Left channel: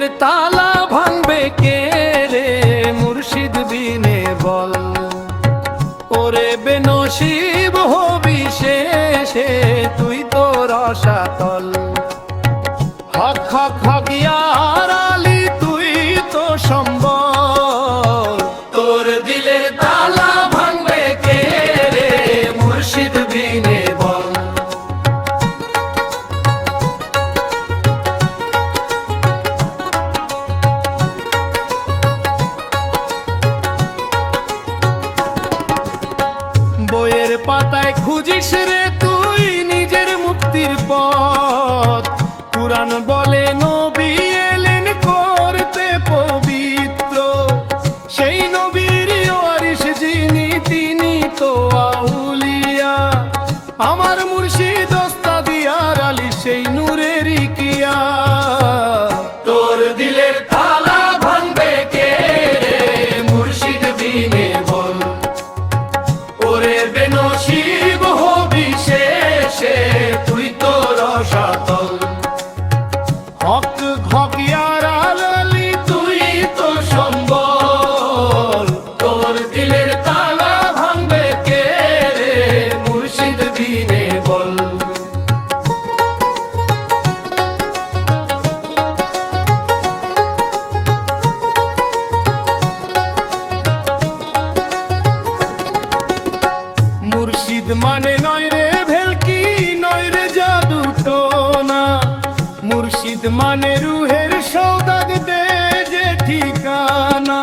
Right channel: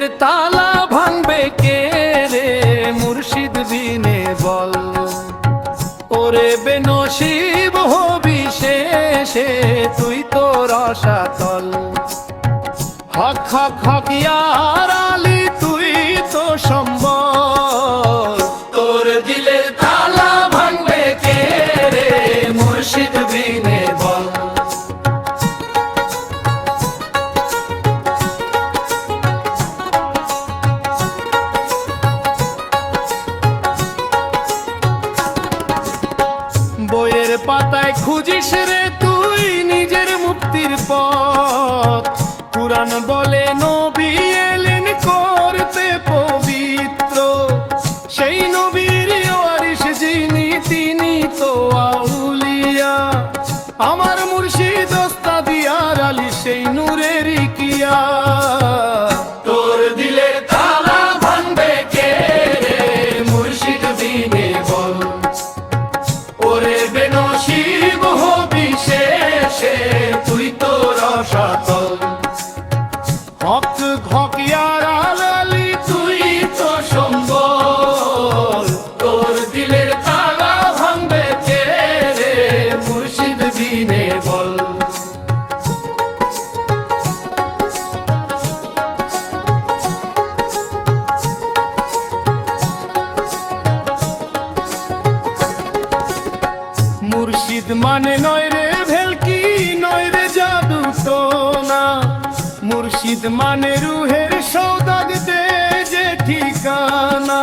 দিলের তালা ভাঙবে কে রে মুর্শিদ বিনে বল। ওরে বেনসিব হবি শেষে তুই তো রসাতল। হক হক হক ইয়ার আলী তুই তো সম্বল। তোর দিলের তালা ভাঙবে কে রে মুর্শিদ বিনে বল। বইয়ের পাতায় খুঁজিস রে তুই নিজের মুক্তির পথ। কুরআন বলে নবী এলেন করতে পবিত্র। সেই নবীর ওয়ারিস যিনি তিনি তো আউলিয়া। আমার মুর্শিদ ওস্তাদ ইয়ার আলী সেই নূরেরই কিয়া। তোর দিলের তালা ভাঙবে কে রে মুর্শিদ বিনে বল। ওরে বেনসিব হবি শেষে তুই তো রসাতল। হক হক ইয়ার আলী তুই তো সম্বল। তোর দিলের তালা ভাঙবে কে রে মুর্শিদ বিনে বল। মুর্শিদ মানে নয় রে ভেলকি নয় রে জাদু টোনা। মুর্শিদ মানে রুহের সৌদাগ দে যে ঠিকানা।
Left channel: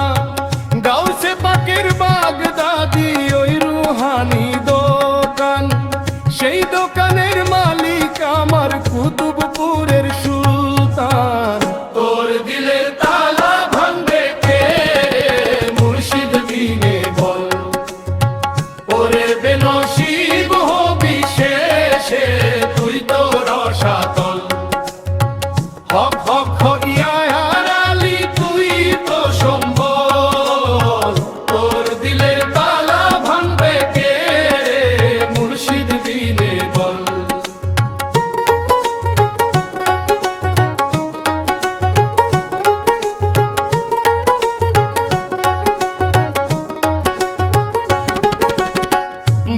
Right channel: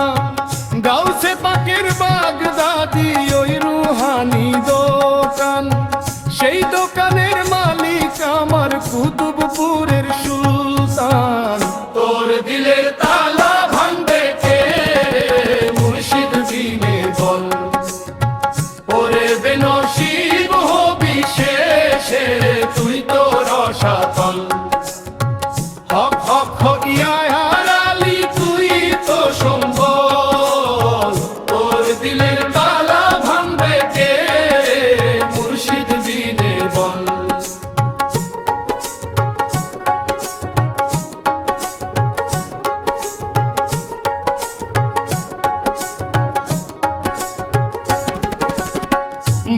গাউসে পাকের বাগদাদি ওই রুহানি দোকান। সেই দোকানের মালিক আমার কুতুবপুরের সুলতান। তোর দিলের তালা ভাঙবে কে মুর্শিদ বিনে বল। ওরে বেনসিব হবি শেষে তুই তো রসাতল। হক হক হক ইয়ার আলী তুই তো সম্বল। তোর দিলের তালা ভাঙবে কে রে মুর্শিদ বিনে বল।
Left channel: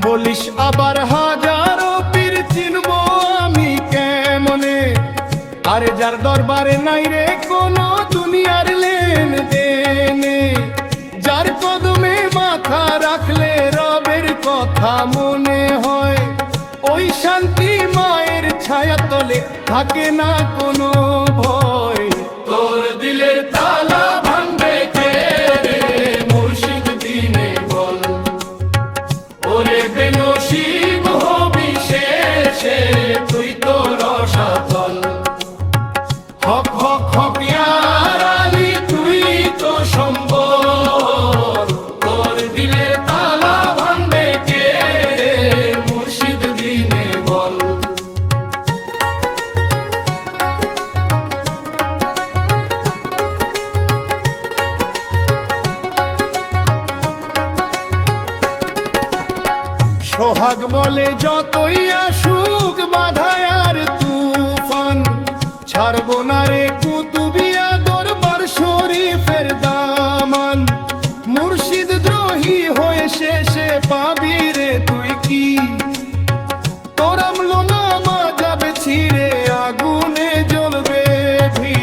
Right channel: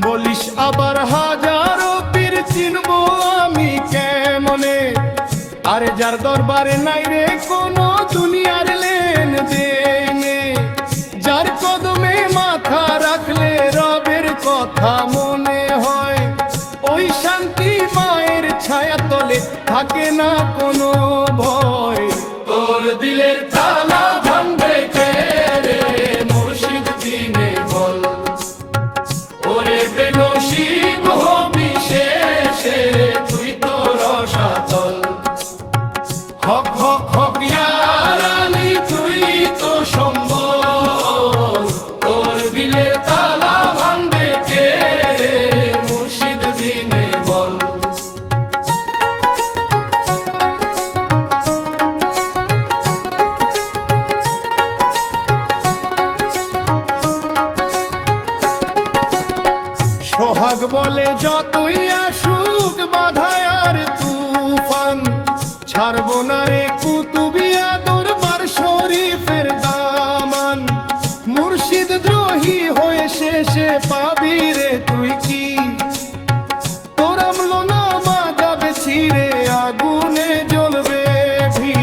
বলিস আবার হাজারো পীর চিনবো আমি কেমনে। আরে যার দরবারে নাই রে কোনো দুনিয়ার লেন দেনে। যার কদমে মাথা রাখলে রবের কথা মনে হয়। ওই শান্তি মায়ের ছায়া তলে থাকে না কোনো ভয়। তোর দিলের তালা ভাঙবে কে রে মুর্শিদ বিনে বল। ওরে বেনসিব হবি শেষে তুই তো রসাতল। হক হক হক ইয়ার আলী তুই তো সম্বল। তোর দিলের তালা ভাঙবে কে রে মুর্শিদ বিনে বল। সোহাগ বলে যতই আসুক বাধায় আর তুফান। ছাড়বো না রে কুতুবিয়া দরবার শরীফের দামান। মুর্শিদ দ্রোহী হয়ে শেষে পাবি রে তুই কি। তোর আমলো নামা যাবে ছিঁড়ে আগুনে জ্বলবে ভি।